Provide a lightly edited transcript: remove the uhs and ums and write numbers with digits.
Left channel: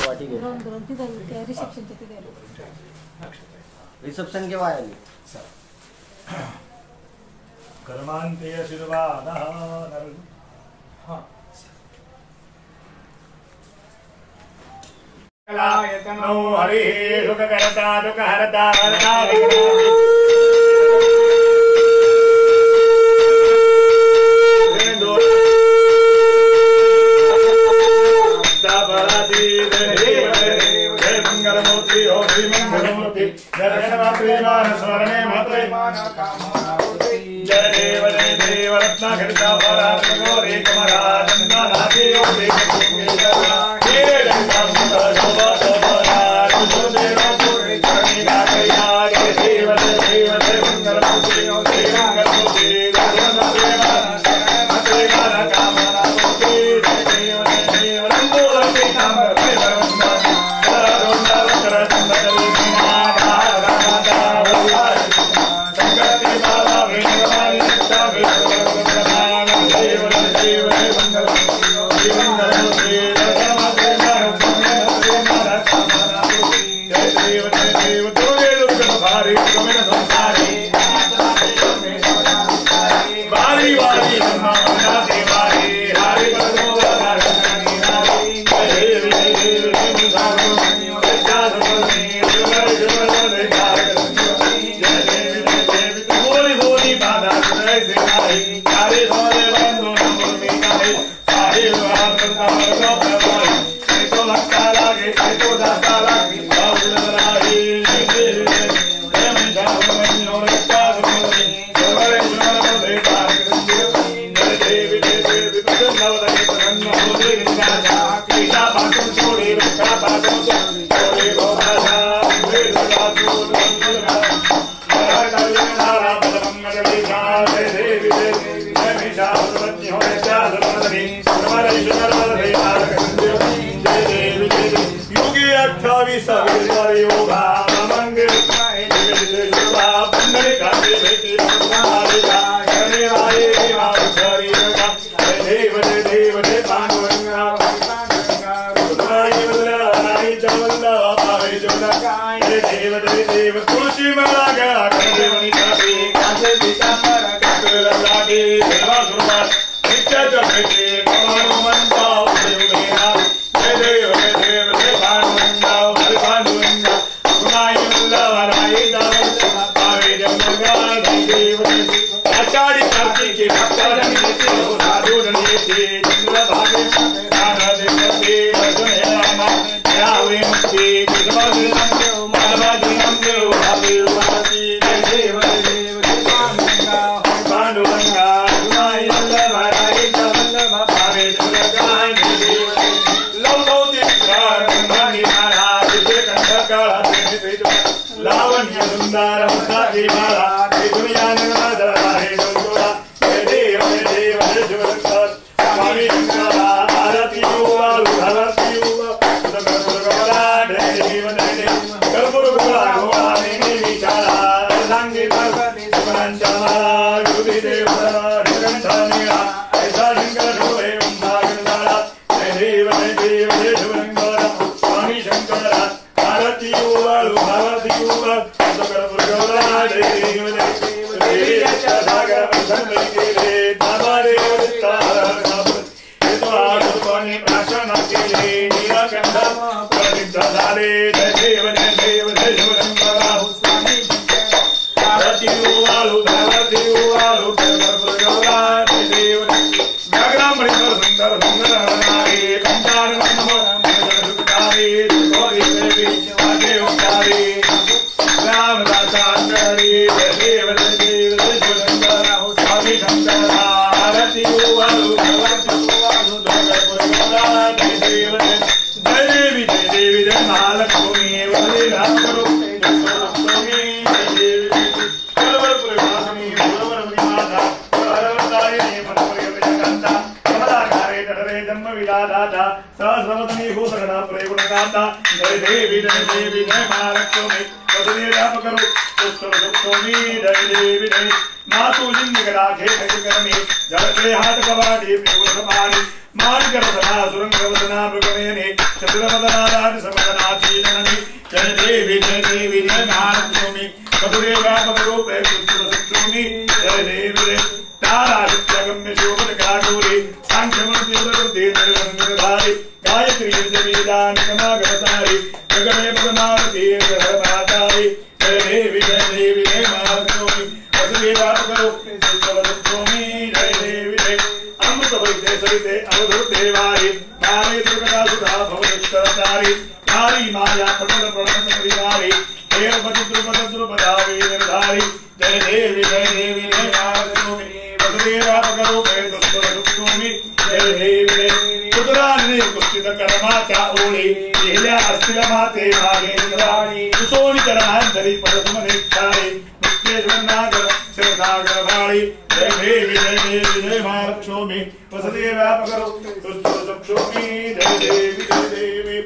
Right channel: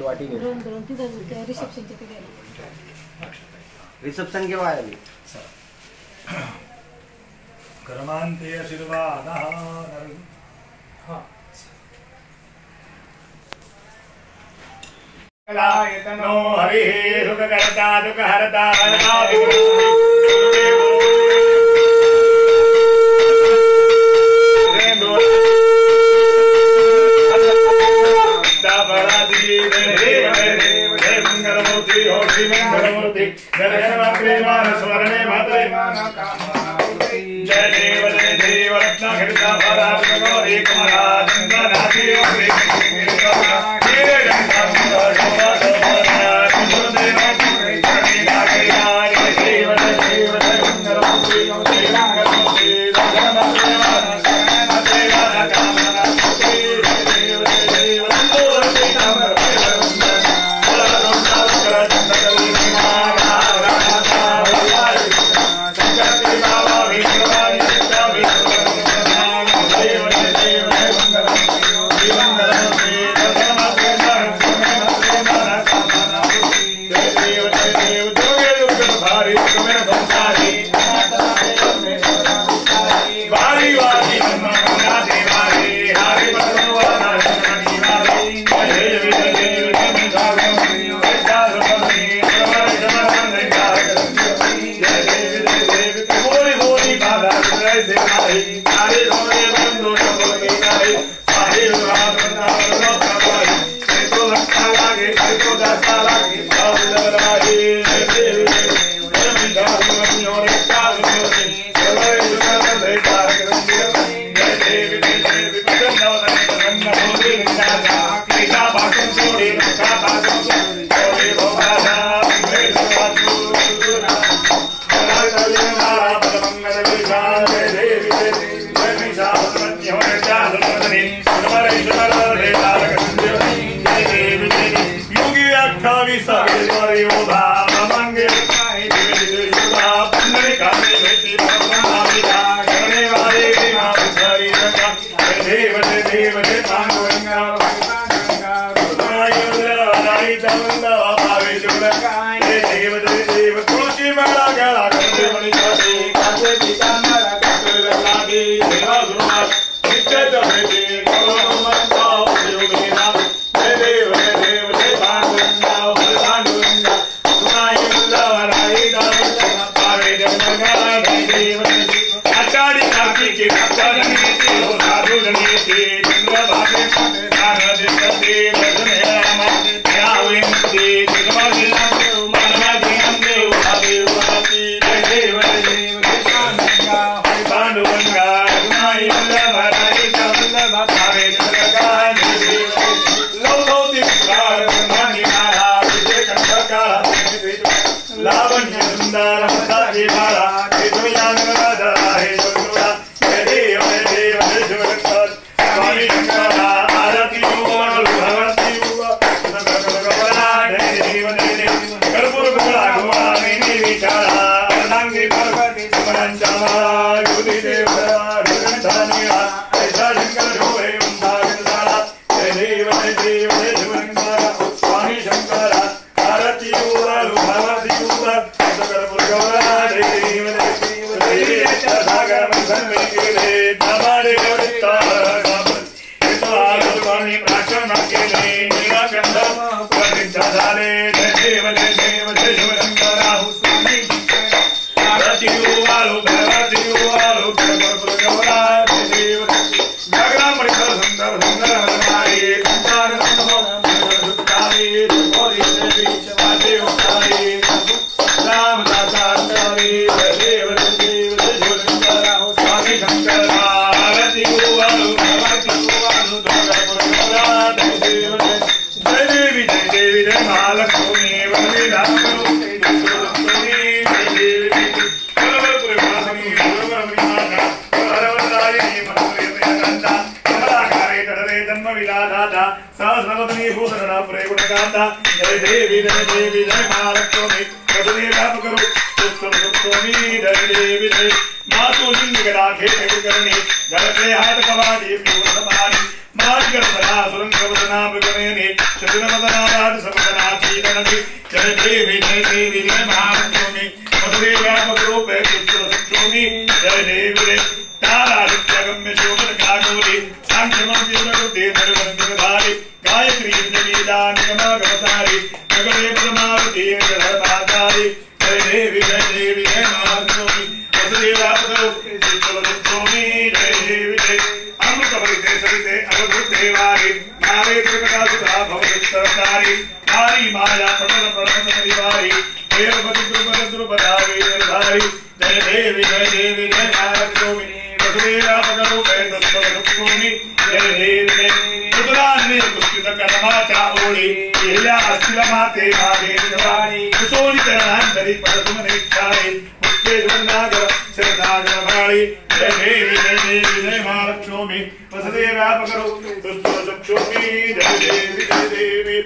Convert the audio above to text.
वाटी में दोन तिथं रिसेप्शनच्या तिथे रिसेप्शन केव्हा आहे कर्मांते आशीर्वादः नो हरिः सुखकर्ता दुःखहर्ता कर्ता मंगलमूर्ति स्मरणे मात्रे जय देव रत्नाखिता भरात्मगौरी कमला चंदनाथी मार्गरसुरंगवदनाभगमेने चतुरमदनाराज समदनाचीननि जय देवी जय महालक्ष्मी वसुदेव्यापकरूपे कृष्णसुक्षोमि जय देवी तारादित्यगम्य शोभनकागौरी सांख्यमूर्तिप्रकृति निर्वन्दितधारि गायत्री जमीदानिगमागमसारि जगदे पदमारुति जगन्नाथारि जय देवी जय महालक्ष्मी वसुदेव्यापकरूपे कृष्णसुक्षोमि जय देवी अमृतभरिते सरिते अवधूतेवारि नावे दुर्गदासुधा भवतिस्तरतारि नारी माया पटल प्रणत परिवारि देवपति द्रुपदावे निर्धारि जय देवी जय महालक्ष्मी वसुदेव्यापकरूपे कृष्णसुक्षोमि जय देवी कुतुरान्ने कुस्तित कर्माचा ओळी एल्या अस्थिलमाते मागेन्द्राणि कुशोणिकरणान्तरि पदसुमनेच्छारि मुक्तेश्वरनागर शेषागर भाळि जय देवी जय महालक्ष्मी वसुदेव्यापकरूपे कृष्णसुक्षोमि जय देवी